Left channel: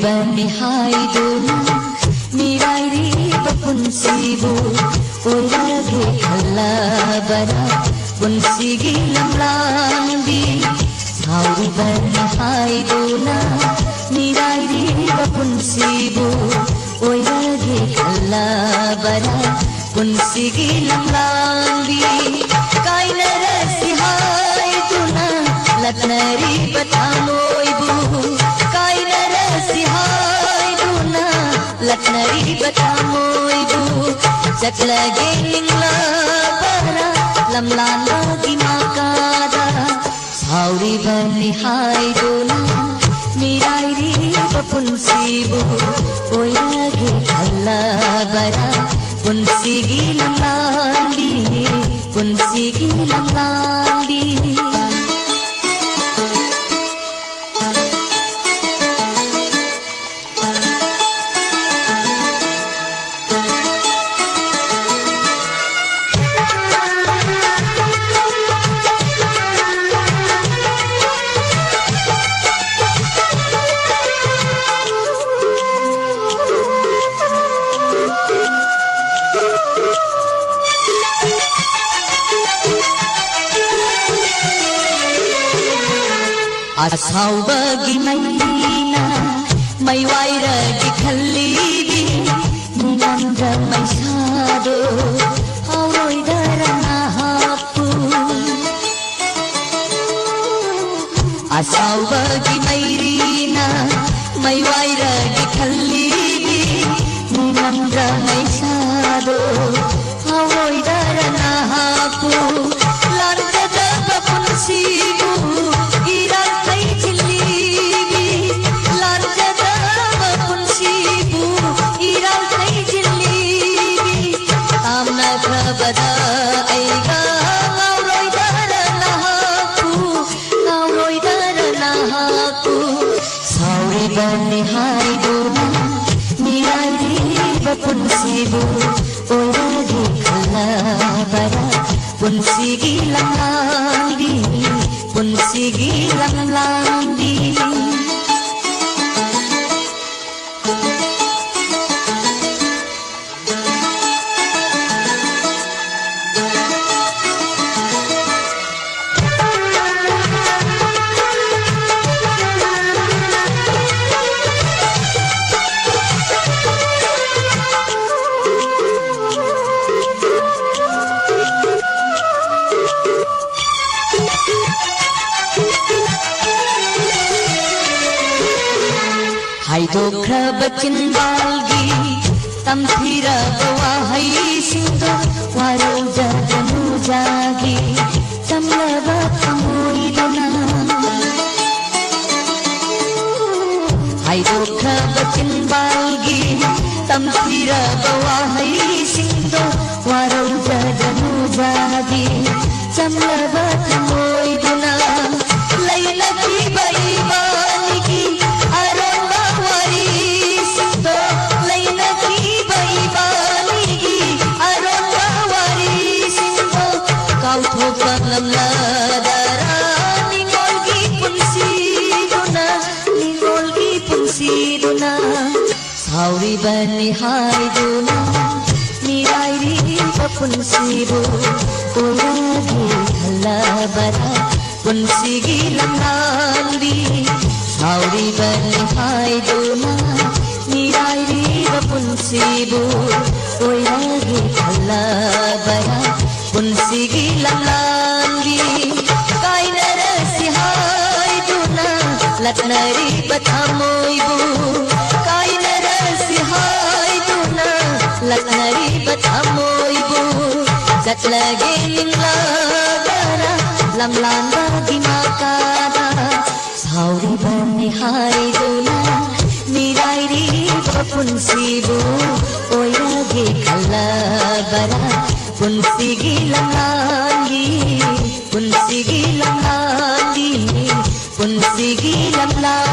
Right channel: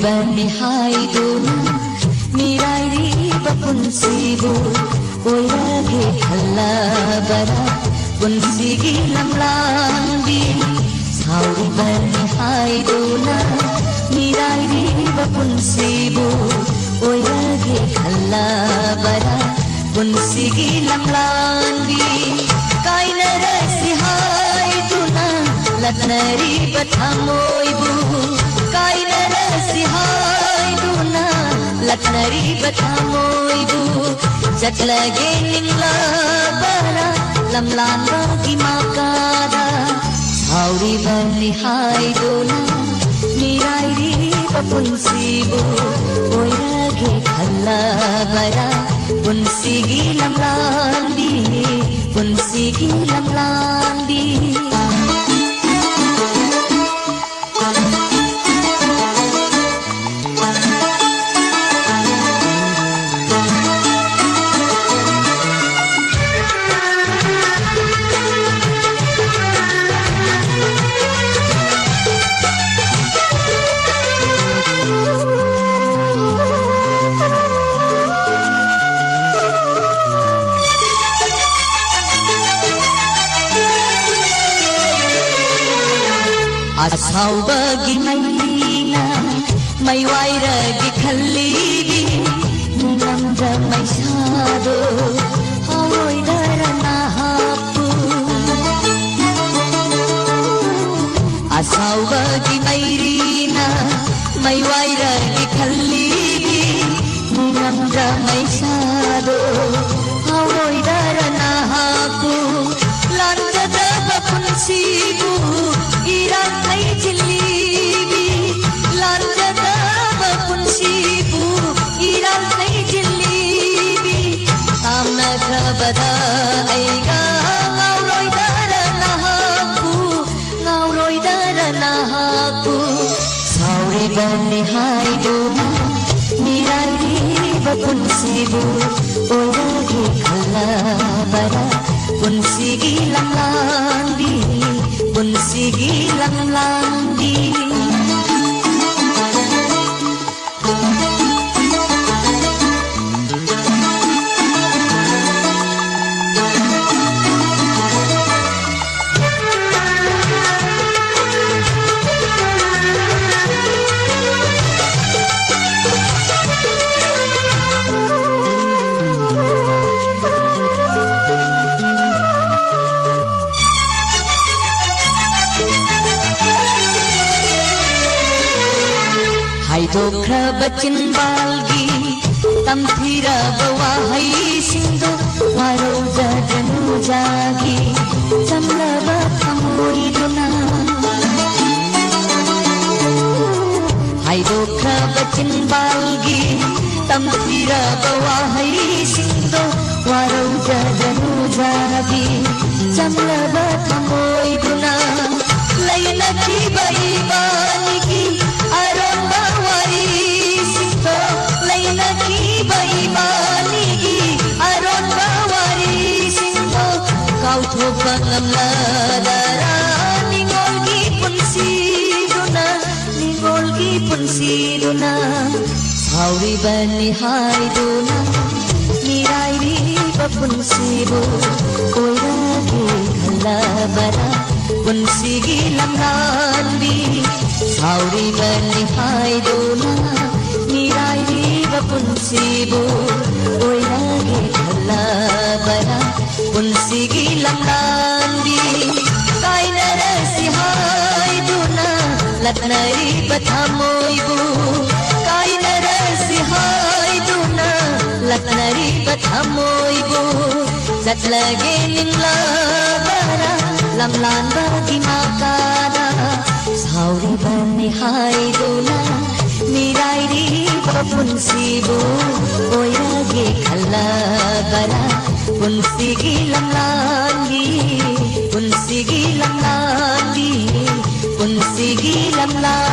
bani haiduna mirairi bapunsibu oirage khalla bara punsigi lamlambi sauri bani haiduna mirairi bapunsibu oirage khalla bara punsigi lamlambi kainara sihaiduna latnari bathamoibu kainara sihaiduna latnari bathamoibu chatlage nilla bara lamlanga gimakada sauri bani haiduna mirairi bapunsibu oirage khalla bara punsigi lamlambi punsigi lamlambi asawbagi maina mai wairagi khallidi mumanga mai sado awoi darana hapu asawbagi maina mai wairagi khallidi mumanga mai sado awoi darana hapu landa bapunsibu bada aiga ngauroi darana haku sauri bani haiduna mirairi bapunsibu oirage khalla bara punsigi lamlambi punsigi lamlambi hai dokha bachin balgi tamthira bawa hai sindu waro janu jagi samlaba thamoi dona hai dokha bachin balgi tamthira bawa hai sindu waro janu jagi samlaba thamoi dona laila ki bai bangi sauri bani haiduna mirairi bapunsibu oirage khalla bara punsigi lamlambi sauri bani haiduna mirairi bapunsibu oirage khalla bara punsigi lamlambi kainara sihaiduna latnari bathamoibu kainara sihaiduna latnari bathamoibu chatlage nilla bara lamlanga gimakada sauri bani haiduna mirairi bapunsibu oirage khalla bara punsigi lamlambi punsigi lamlambi punsigi lamlambi